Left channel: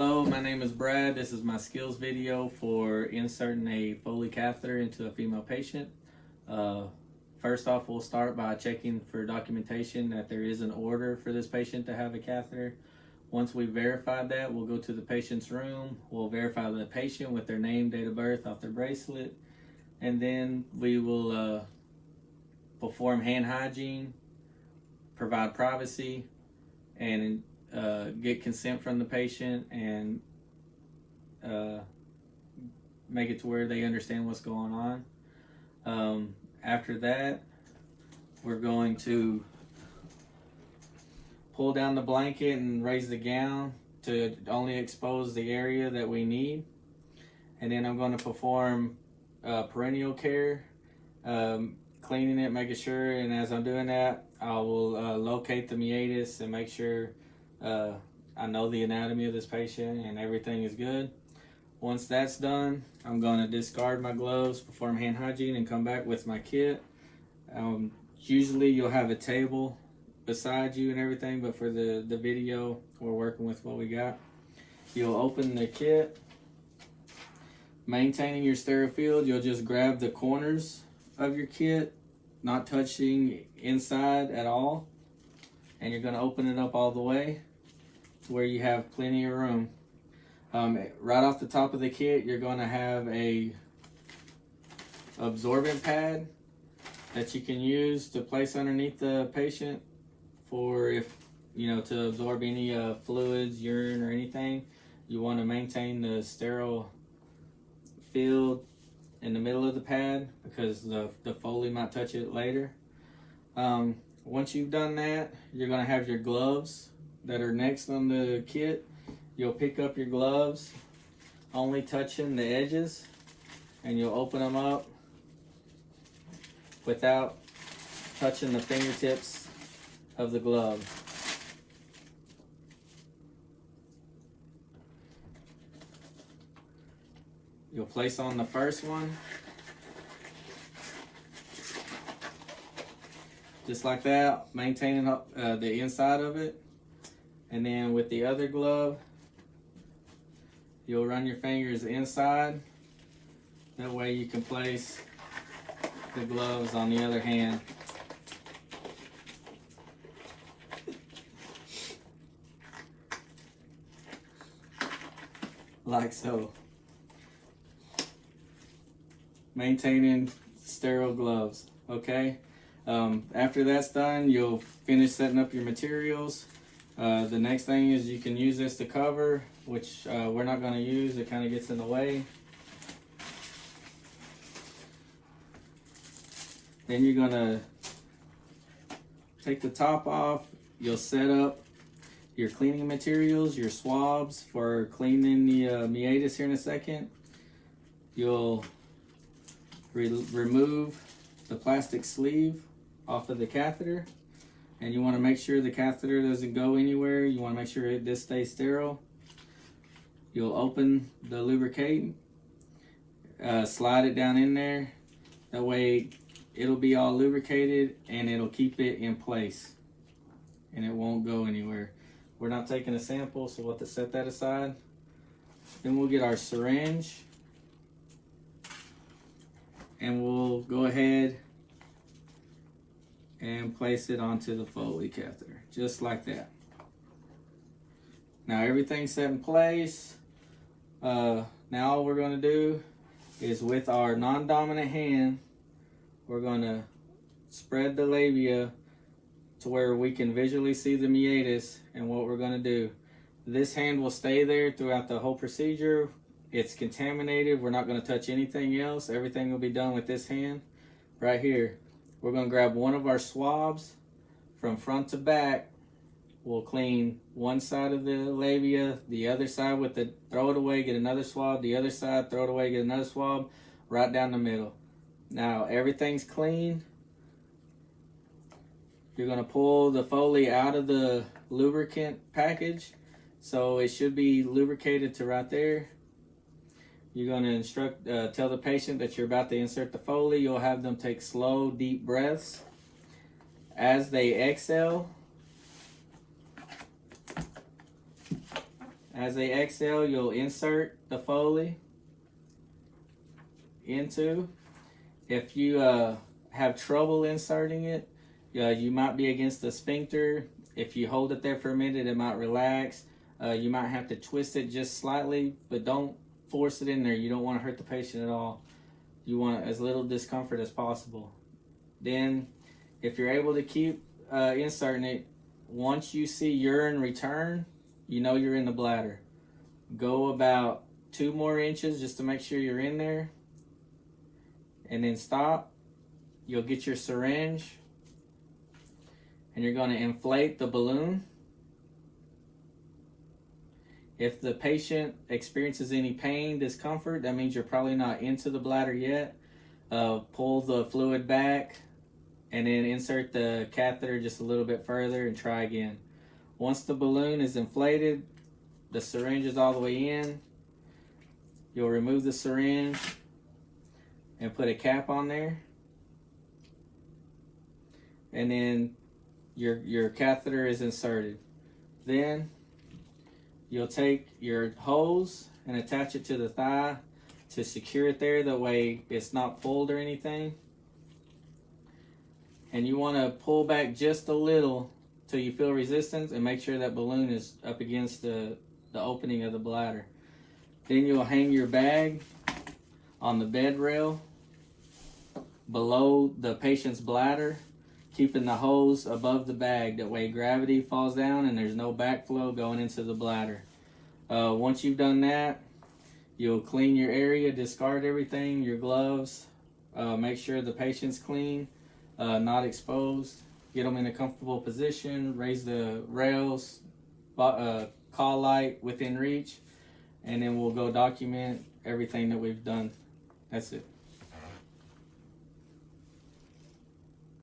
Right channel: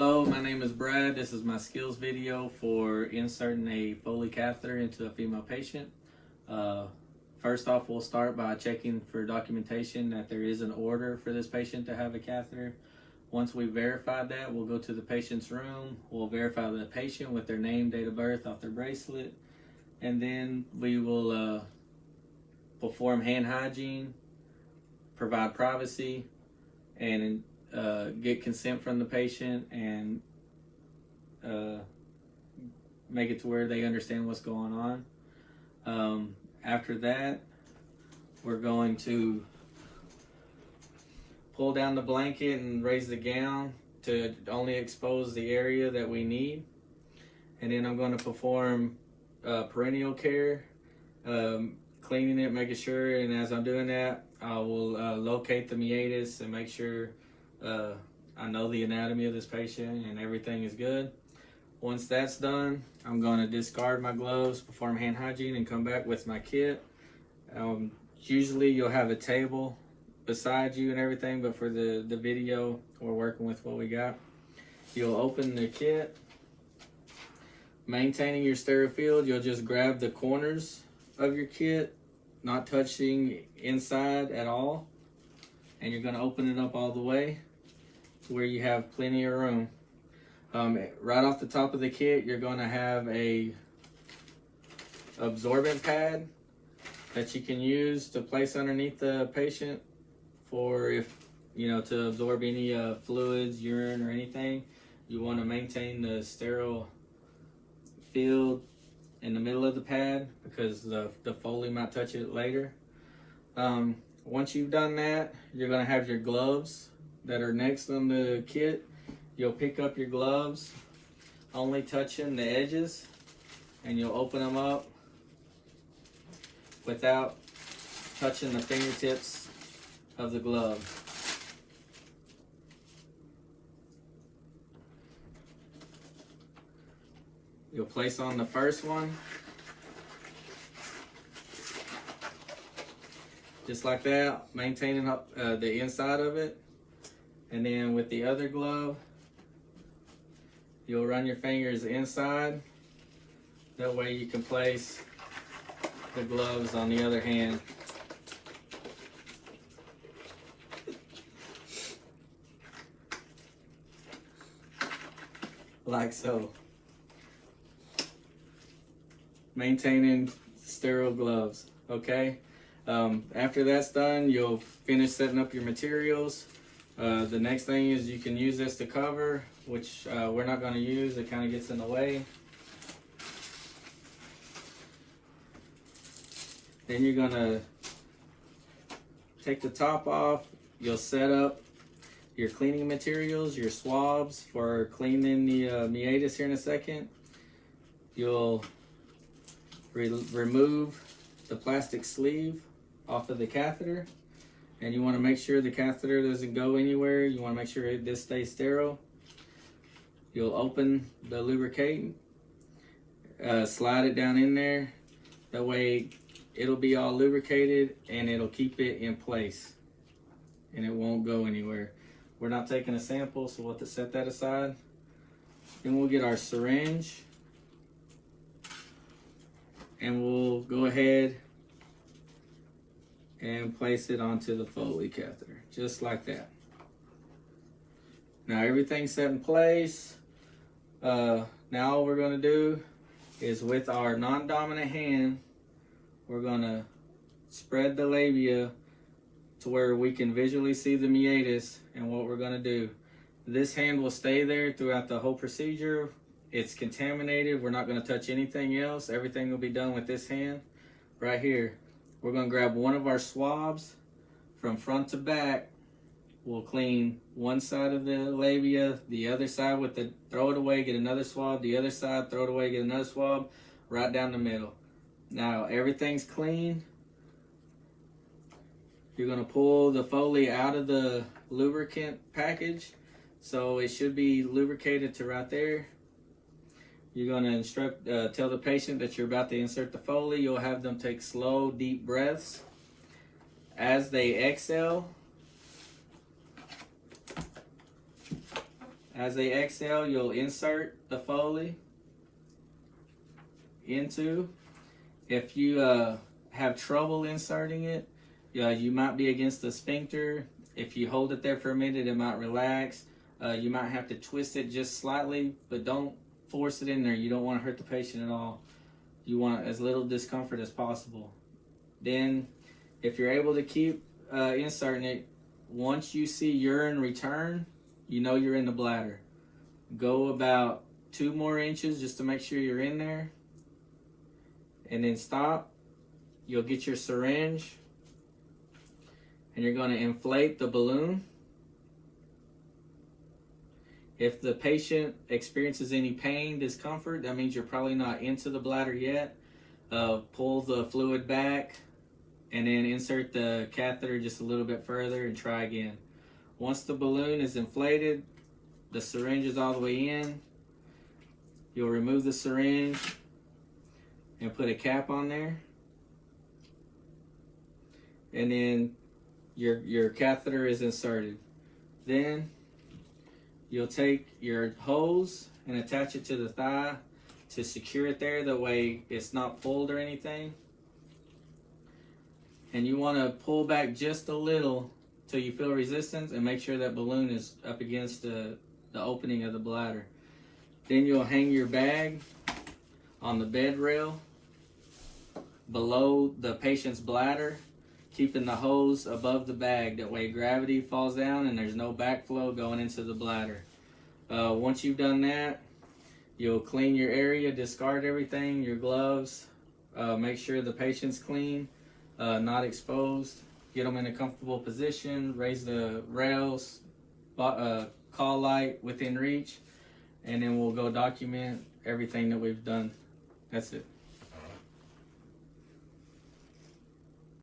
Hello, my name is Brad. This is my skills video for inserting a Foley catheter into a female patient. First off, we'll start by checking for documentation that there is an order for this patient to have a catheter. Once we've verified that, we'll go to the patient's room. We'll verify the patient with their name, date of birth off their bracelet, and then we will perform hand hygiene, provide privacy, and get consent from the patient and make it to where they understand what's going on. After that, we're going to pull down the blanket and raise the gown to only expose the area that we need. And then I'm going to perform perineal care, cleaning it, making sure, and as I'm doing that, I will locate the meatus and make sure I know the anatomy of this patient and everything is good. Once that's done, I'm going to discard my gloves, perform hand hygiene, and come back with my kit. Usually you'll have a table beside you and everything, but for the video, we're working with what we got. You'll open the kit. Maintaining your sterile field, you'll just grab the corners of your kit, not touching inside at all. And you're going to open it up all the way to where you have plenty of room. Right off the top of the kit, you're going to have a absorbent pad that you can use to place underneath the patient for to absorb any fluids, urine, or anything. You want to maintain the sterile field in the middle of the pad because the Foley might touch it later. Once you've done that, you're going to have your gloves that are next on the kit. You'll pick up your gloves, only touching the edges, and you'll open them up without touching the fingertips of the glove. You'll place on the first one, just like that, maintaining up the inside of it. And then with the other glove, you'll run your fingers inside. That way you can place the gloves on the other hand. Like so. Maintaining sterile gloves, okay? After that's done, you'll finish setting up your materials. The next thing is you can use this to cover, which we're not going to use. It kind of gets in the way. Then you're going to take the top off. You'll set up your cleaning materials, your swabs for cleaning the meatus here in a second. You'll remove the plastic sleeve off of the catheter. And you want to make sure the catheter doesn't go anywhere. You want to make sure this stays sterile. You'll open the lubricant, slide it down in there. That way it'll be all lubricated and it'll keep it in place. And it won't go anywhere. We're not taking a sample, so we'll have to set that aside. Then we'll get our syringe. And we'll go ahead and place it onto the Foley catheter, just like that. Now everything's set in place. Now all we're going to do is with our non-dominant hand, we're going to spread the labia to where we can visually see the meatus. And what we're going to do, this hand will stay there throughout the whole procedure. It's contaminated. We're not going to touch anything else. Everything will be done with this hand right here. We're going to grab one of our swabs from front to back. We'll clean one side of the labia, the other side with the throw it away, get another swab, the other side, throw it away, get another swab, right down the middle. Now everything's clean. You're going to pull the Foley out of the lubricant package. So it should be lubricated to right there. You're going to tell the patient that you're about to insert the Foley. You'll have them take slow, deep breaths. As they exhale, As they exhale, you'll insert the Foley into. If you have trouble inserting it, you might be against the sphincter. If you hold it there for a minute, it might relax. You might have to twist it just slightly, but don't force it in there. You don't want to hurt the patient at all. You want as little discomfort as possible. Then, if you're able to keep inserting it, once you see urine return, you know you're in the bladder. Go about 2 more inches just to make sure you're in there, and then stop. You'll get your syringe, and you're going to inflate the balloon. If the patient experiences any pain, discomfort, that means you're probably not into the bladder yet. Pull the fluid back and then insert the catheter just a little bit further and try again. Once the balloon is inflated, the syringe is all the way in, you'll remove the syringe and put a cap on there. And then your catheter is inserted. Then you'll take your hose and attach it to the thigh to secure it there, that way it's not pulled or anything. And you want to pull back just a little till you feel resistance and make sure that balloon is up against the opening of the bladder. Then you'll hang your bag on the bed rail below the patient's bladder, keeping the hose above the bag. That way gravity falls down and there's no backflow going into the bladder. Once you've done that, you'll clean your area, discard everything, your gloves, make sure the patient's clean, not exposed, get them in a comfortable position, raise the rails, call light within reach, and then we'll go document everything that we've done. That's it.